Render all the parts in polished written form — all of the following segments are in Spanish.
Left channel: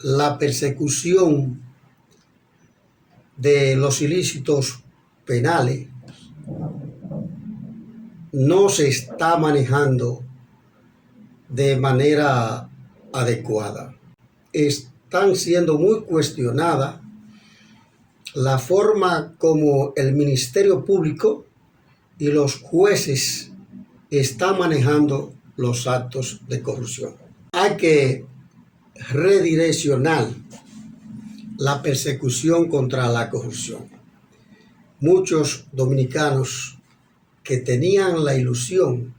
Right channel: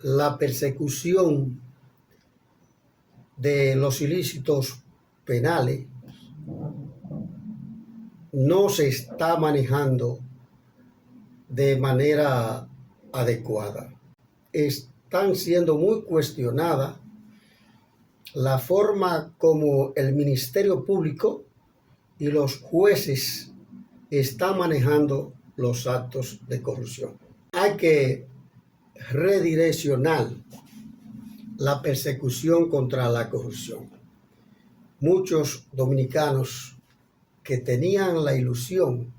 la persecución de los ilícitos penales no se está manejando de manera adecuada. Están siendo muy cuestionadas la forma como el Ministerio Público y los jueces están manejando los actos de corrupción. Hay que redireccionar la persecución contra la corrupción. Muchos dominicanos que tenían la ilusión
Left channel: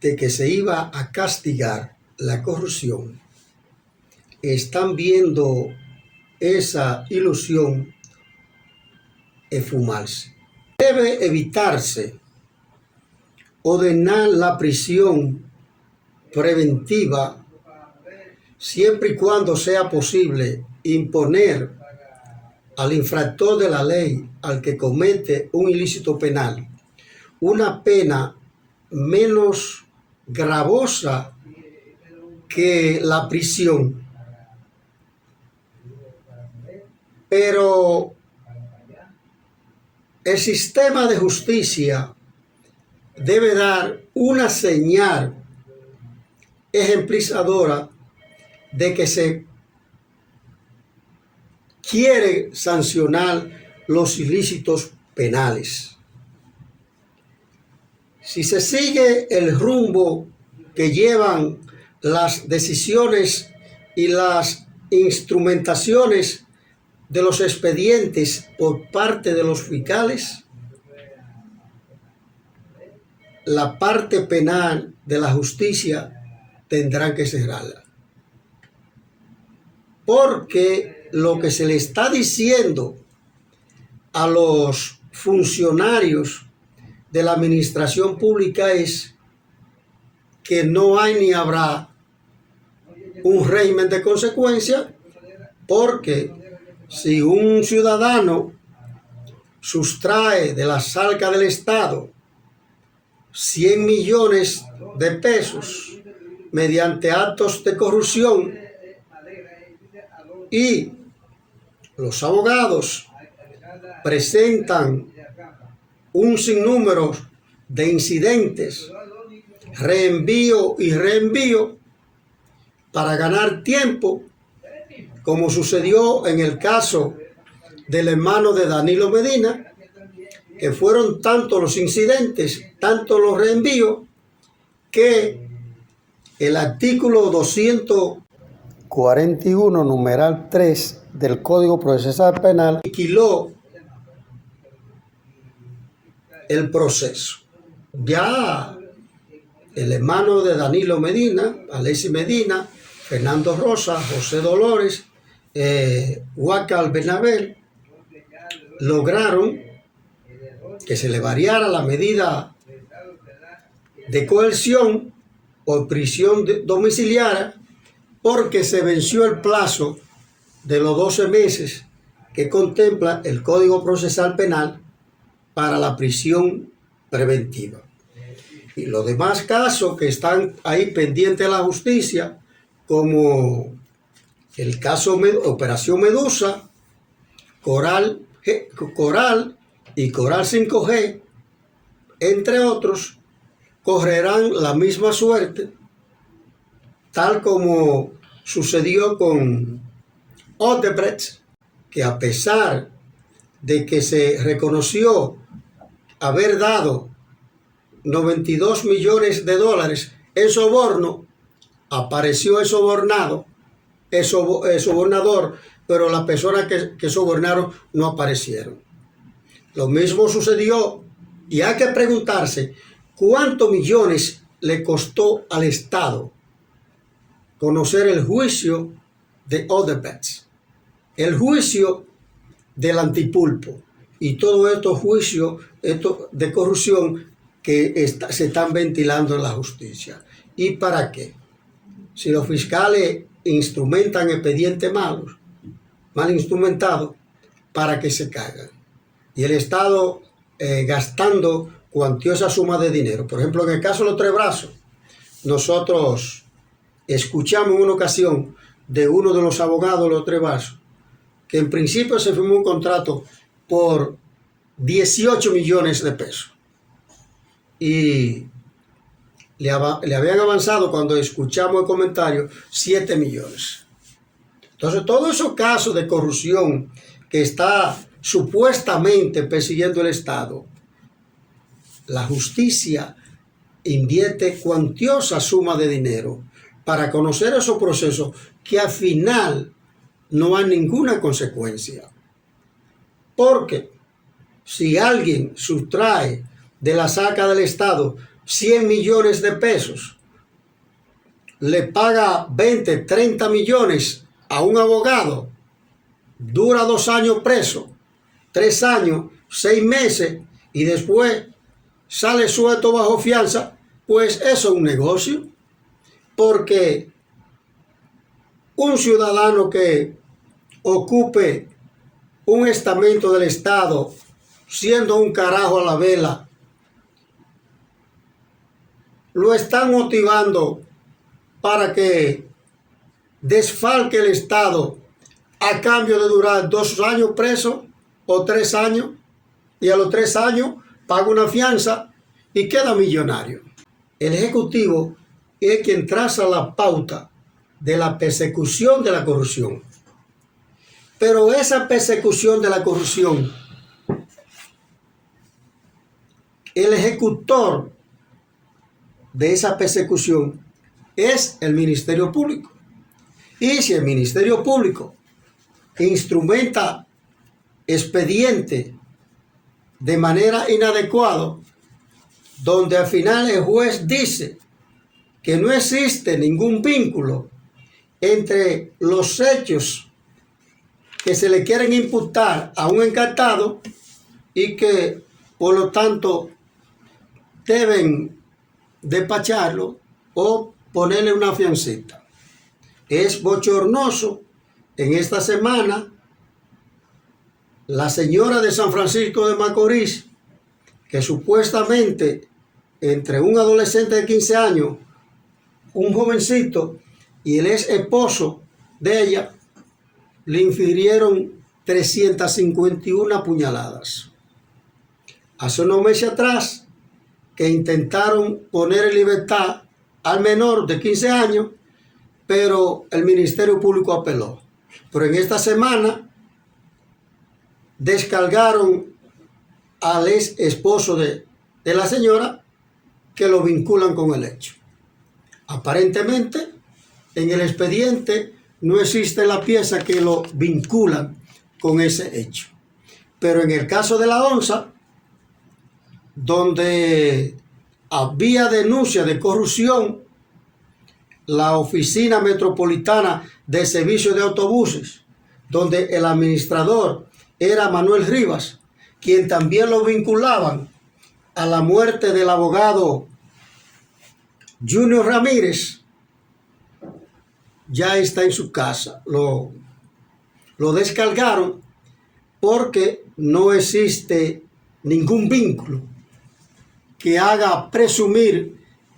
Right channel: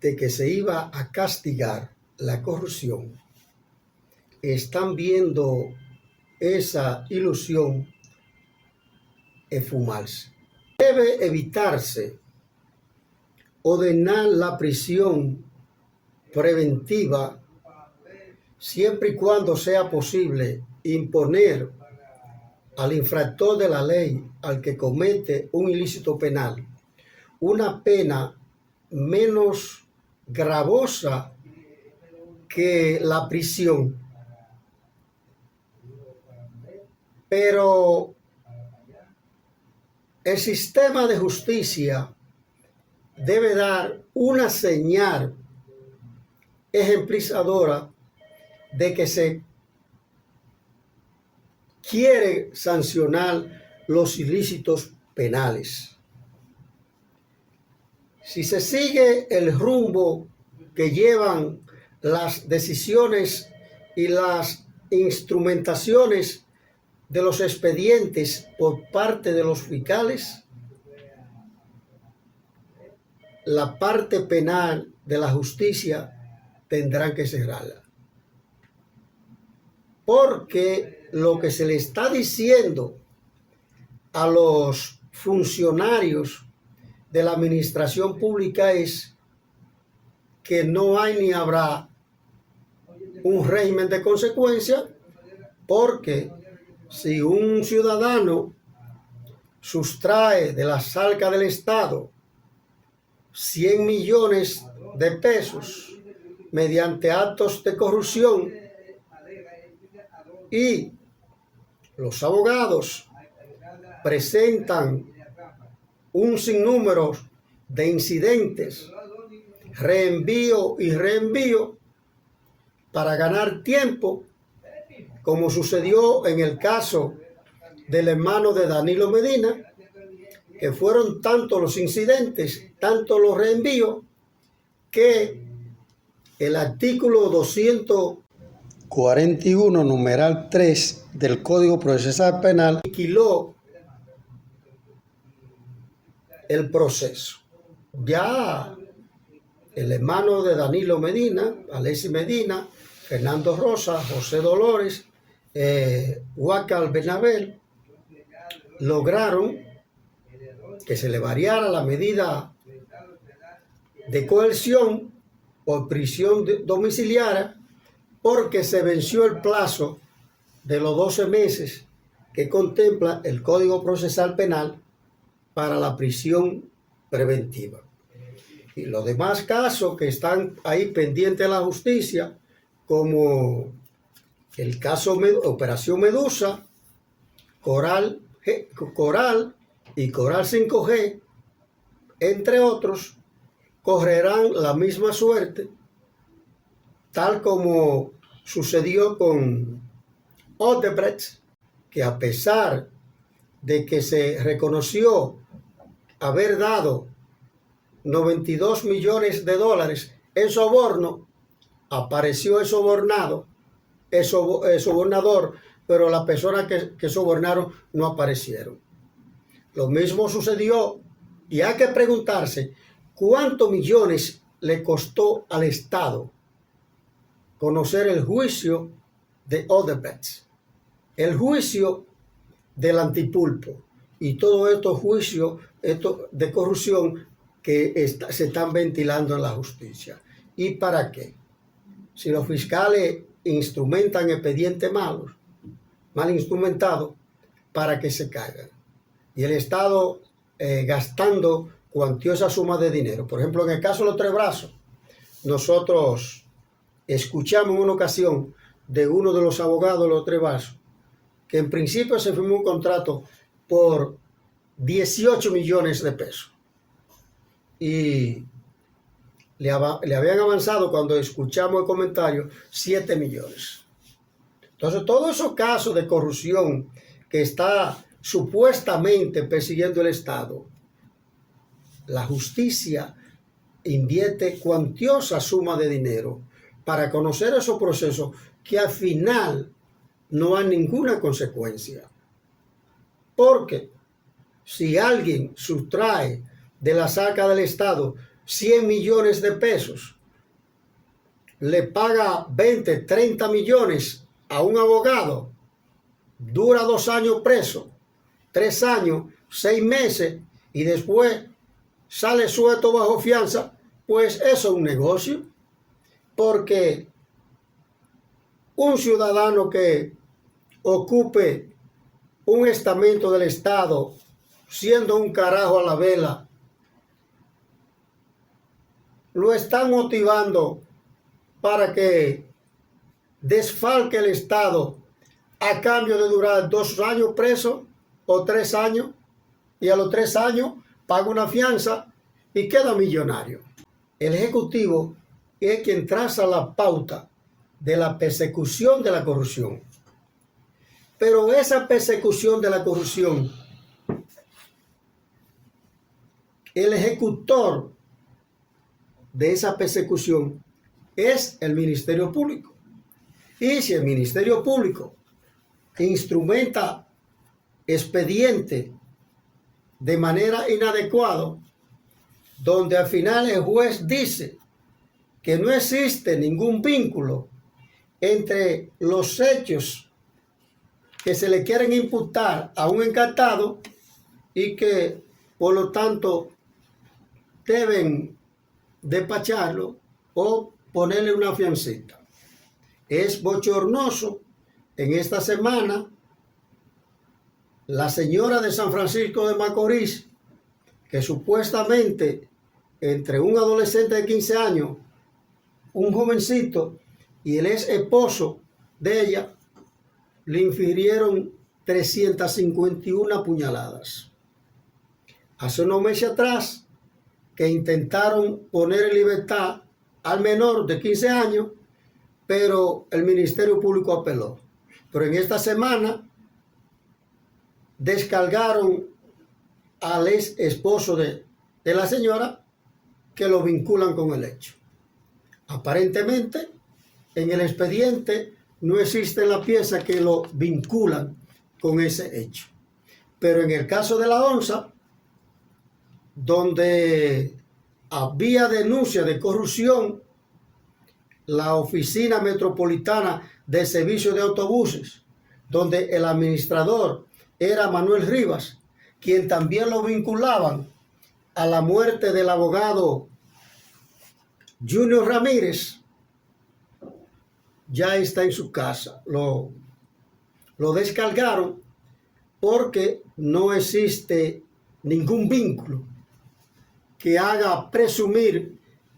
de que se iba a castigar la corrupción están viendo esa ilusión esfumarse. Debe evitarse ordenar la prisión preventiva siempre y cuando sea posible imponer al infractor de la ley, al que comete un ilícito penal, una pena menos gravosa que la prisión. Pero el sistema de justicia debe dar una señal ejemplizadora de que se quiere sancionar los ilícitos penales. Si se sigue el rumbo que llevan las decisiones y las instrumentaciones de los expedientes por parte de los fiscales, la parte penal de la justicia tendrá que cerrarla. Porque lo que se le está diciendo a los funcionarios de la administración pública es que no hay ni habrá un régimen de consecuencia, porque si un ciudadano sustrae de las arcas del Estado 100 millones de pesos mediante actos de corrupción y los abogados presentan un sinnúmero de incidentes, reenvío y reenvío para ganar tiempo, como sucedió en el caso del hermano de Danilo Medina, que fueron tantos los incidentes, tantos los reenvíos, que el artículo 241, numeral 3 del Código Procesal Penal aniquiló el proceso. Ya el hermano de Danilo Medina, Alexis Medina, Fernando Rosa, José Dolores, Huacal Bernabel, lograron que se le variara la medida de coerción o prisión domiciliaria, porque se venció el plazo de los 12 meses que contempla el Código Procesal Penal para la prisión preventiva. Y los demás casos que están ahí pendientes de la justicia, como el caso Operación Medusa, Coral y Coral 5G, entre otros, correrán la misma suerte, tal como sucedió con Odebrecht, que a pesar de que se reconoció haber dado 92 millones de dólares en soborno, apareció el sobornador, pero las personas que sobornaron no aparecieron. Lo mismo sucedió, y hay que preguntarse cuántos millones le costó al Estado conocer el juicio de Odebrecht, el juicio del Antipulpo y todos estos juicios de corrupción que se están ventilando en la justicia. ¿Y para qué? Si los fiscales instrumentan expedientes malos, mal instrumentados, para que se caigan. Y el Estado gastando cuantiosa suma de dinero. Por ejemplo, en el caso de los Tres Brazos, nosotros escuchamos en una ocasión de uno de los abogados de los Tres Vasos, que en principio se firmó un contrato por 18 millones de pesos. Y le habían avanzado, cuando escuchamos el comentario, 7 millones. Entonces, todos esos casos de corrupción que está supuestamente persiguiendo el Estado, la justicia invierte cuantiosa suma de dinero para conocer esos procesos que al final no hay ninguna consecuencia. Porque si alguien sustrae de la saca del Estado 100 millones de pesos, le paga 20, 30 millones a un abogado, dura 2 años preso, 3 años, 6 meses, y después sale suelto bajo fianza, pues eso es un negocio. Porque un ciudadano que ocupe un estamento del Estado, siendo un carajo a la vela, lo están motivando para que desfalque el Estado a cambio de durar 2 años preso o 3 años, y a los 3 años paga una fianza y queda millonario. El Ejecutivo es quien traza la pauta de la persecución de la corrupción. Pero esa persecución de la corrupción, el ejecutor de esa persecución es el Ministerio Público. Y si el Ministerio Público instrumenta expediente de manera inadecuada, donde al final el juez dice que no existe ningún vínculo entre los hechos que se le quieren imputar a un encartado y que por lo tanto deben despacharlo o ponerle una fiancita. Es bochornoso. En esta semana, la señora de San Francisco de Macorís, que supuestamente entre un adolescente de 15 años, un jovencito y el ex esposo de ella, le infirieron 351 puñaladas. Hace unos meses atrás, que intentaron poner en libertad al menor de 15 años, pero el Ministerio Público apeló. Pero en esta semana descargaron al ex esposo de la señora, que lo vinculan con el hecho. Aparentemente, en el expediente no existe la pieza que lo vinculan con ese hecho. Pero en el caso de la ONSA, donde había denuncia de corrupción, la Oficina Metropolitana de Servicios de Autobuses, donde el administrador era Manuel Rivas, quien también lo vinculaban a la muerte del abogado Junior Ramírez, ya está en su casa. Lo descargaron porque no existe ningún vínculo que haga presumir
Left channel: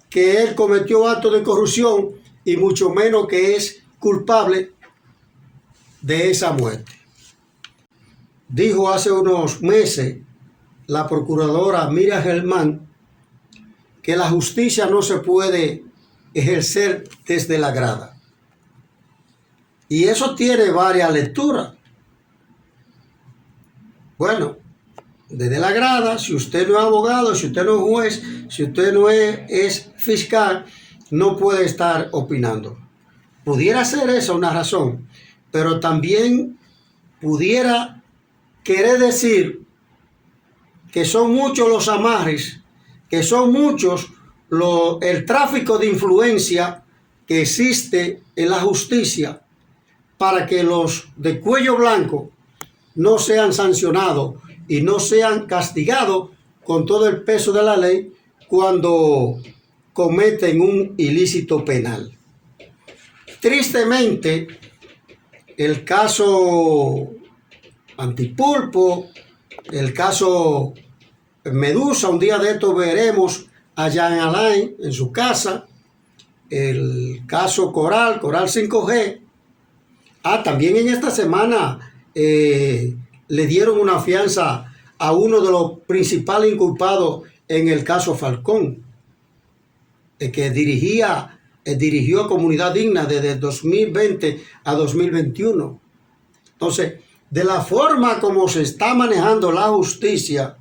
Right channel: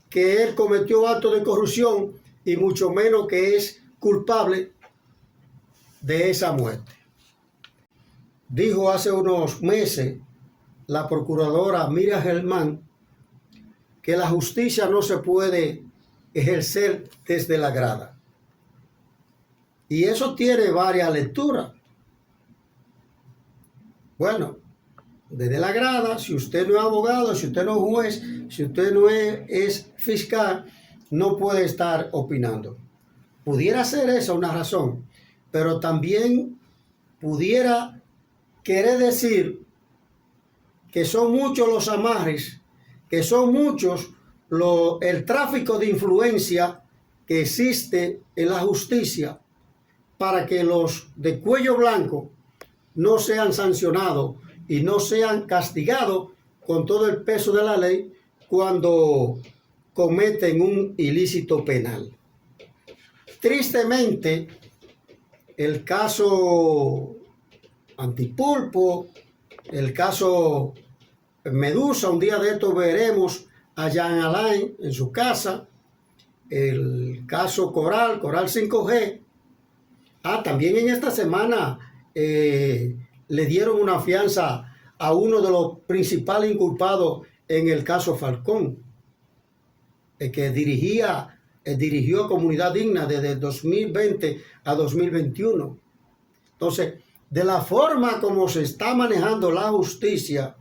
que él cometió actos de corrupción, y mucho menos que es culpable de esa muerte. Dijo hace unos meses la procuradora Miriam Germán que la justicia no se puede ejercer desde la grada. Y eso tiene varias lecturas. Bueno, desde la grada, si usted no es abogado, si usted no es juez, si usted no es fiscal, no puede estar opinando. Pudiera ser esa una razón, pero también pudiera querer decir que son muchos los amarres, que son muchos el tráfico de influencia que existe en la justicia para que los de cuello blanco no sean sancionados y no sean castigados con todo el peso de la ley cuando cometen un ilícito penal. Tristemente, el caso Antipulpo, el caso Medusa, un día de esto veremos a Jean Alain en su casa, el caso Coral 5G, También en esta semana le dieron una fianza a uno de los principales inculpados en el caso Falcón, que dirigió Comunidad Digna desde 2020 a 2021. Entonces, de la forma como se está manejando la justicia,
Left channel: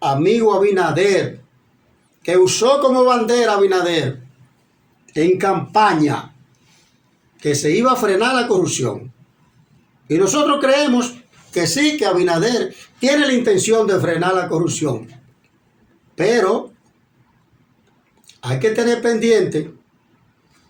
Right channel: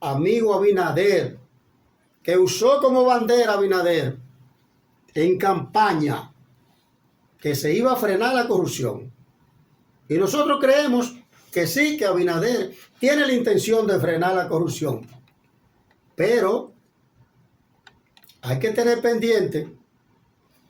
amigo Abinader, que usó como bandera Abinader en campaña que se iba a frenar la corrupción. Y nosotros creemos que sí, que Abinader tiene la intención de frenar la corrupción. Pero hay que tener pendiente,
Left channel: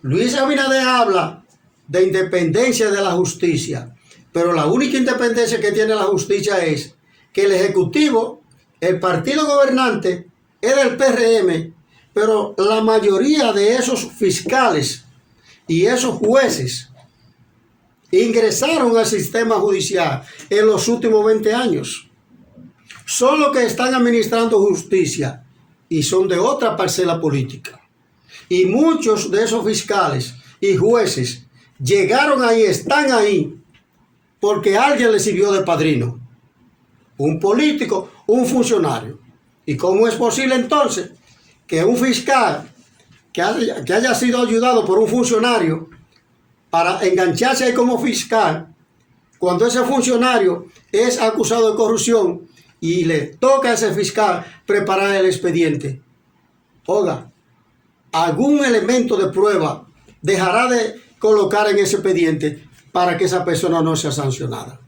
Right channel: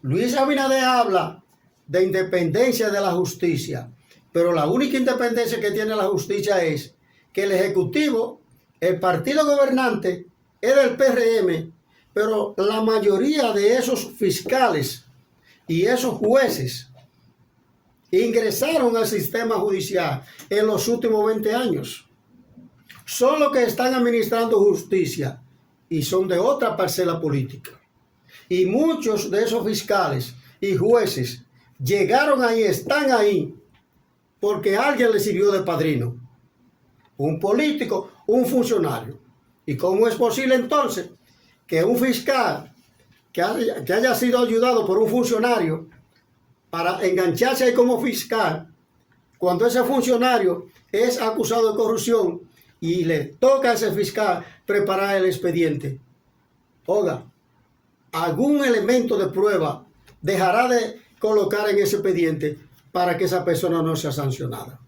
Luis Abinader habla de independencia de la justicia, pero la única independencia que tiene la justicia es que el Ejecutivo, el partido gobernante, es del PRM, pero la mayoría de esos fiscales y esos jueces ingresaron al sistema judicial en los últimos 20 años. Son los que están administrando justicia y son de otra parcela política. Y muchos de esos fiscales y jueces llegaron ahí, están ahí, porque alguien les sirvió de padrino. Un político, un funcionario. ¿Y cómo es posible entonces que un fiscal que haya sido ayudado por un funcionario para engancharse ahí como fiscal, cuando ese funcionario es acusado de corrupción y le toca a ese fiscal preparar el expediente? Oiga, algún elemento de prueba dejará de colocar en ese expediente para que esa persona no sea sancionada.